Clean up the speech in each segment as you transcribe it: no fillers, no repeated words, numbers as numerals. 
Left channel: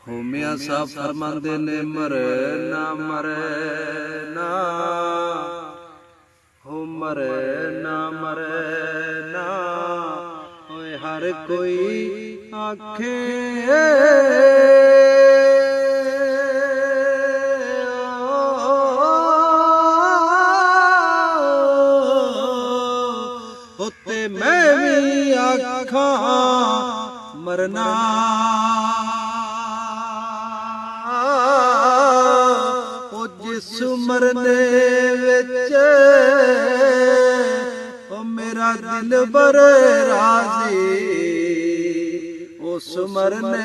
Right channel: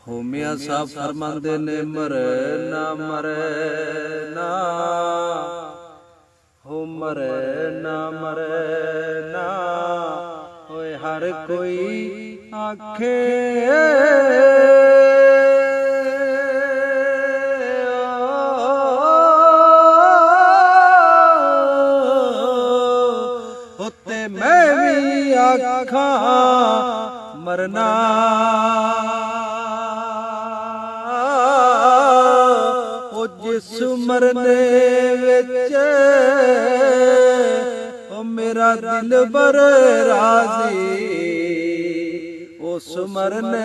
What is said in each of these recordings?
ਹੋ ਮੀਆਂ ਸਾਹਿਬ ਫਰਮਾਉਂਦੇ ਨੇ ਮਰੇ ਨਾ ਹੋ ਮਰੇ ਨਾ ਹੋਏ ਹਰ ਕੋਈ ਆਖੇ ਉੱਤੇ ਮੈਂ ਵੀ ਆਖਾਂ ਮਰਨਾ ਉਹ ਜਿਸ ਮਰਨੇ ਵਿੱਚ ਉਹ ਮੇਰਾ ਦਿਲ ਬਰ ਰਾਜ਼ੀ ਉਸ ਮਰਨੇ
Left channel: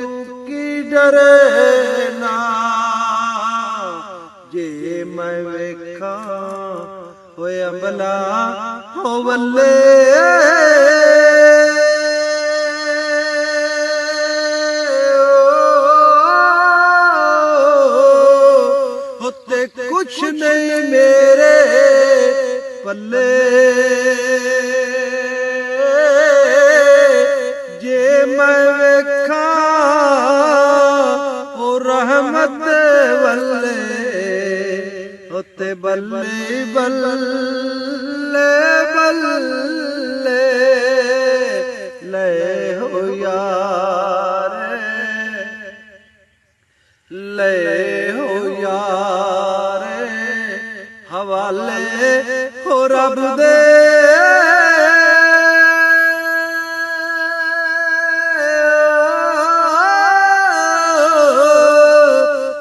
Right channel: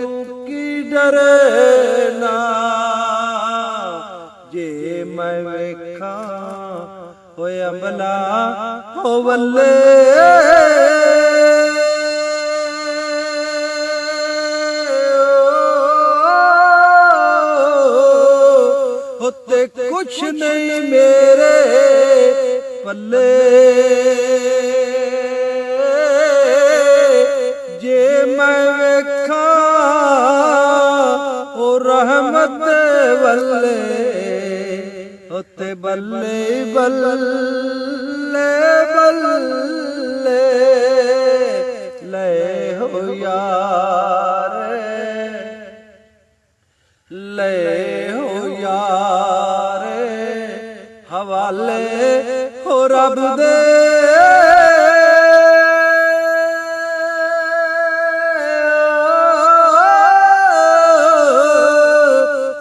ਤੂੰ ਕੀ ਡਰੇ ਨਾ ਜੇ ਮੈਂ ਵੇਖਾਂ ਹੋਏ ਅੰਬਲਾ ਹੋ ਵੱਲੇ ਕੁਛ ਨਹੀਂ ਮੇਰੇ ਪੱਲੇ ਜੇ ਮੈਂ ਵੇਖਾਂ ਉਹ ਰਹਿਮਤ ਵੱਲੇ ਉੱਤੇ ਬੱਲੇ ਬੱਲੇ ਬੱਲੇ ਲੈ ਹੋ ਯਾਰ ਲੈ ਹੋ ਯਾਰ ਹਵਾਲੇ ਹੋ ਰੱਬ ਦੇ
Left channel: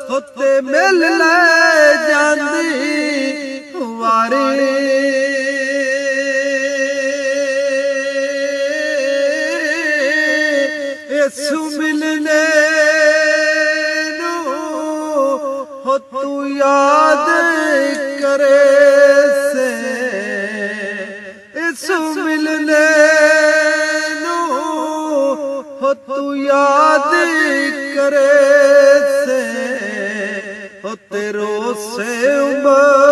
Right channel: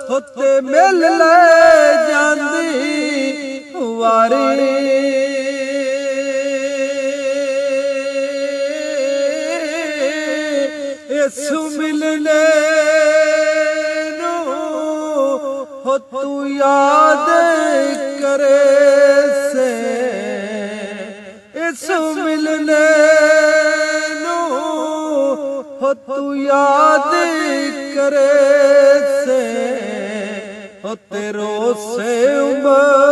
ਉੱਤੇ ਮਿਲ ਲੈ ਜਾਂਦੀ ਵਾਰੀ ਇਸ ਮਿਲਨੇ ਹੋ ਤੂੰ ਯਾਦ करे से इस मिलने हो तू याद करे से हो तेरो से उम्र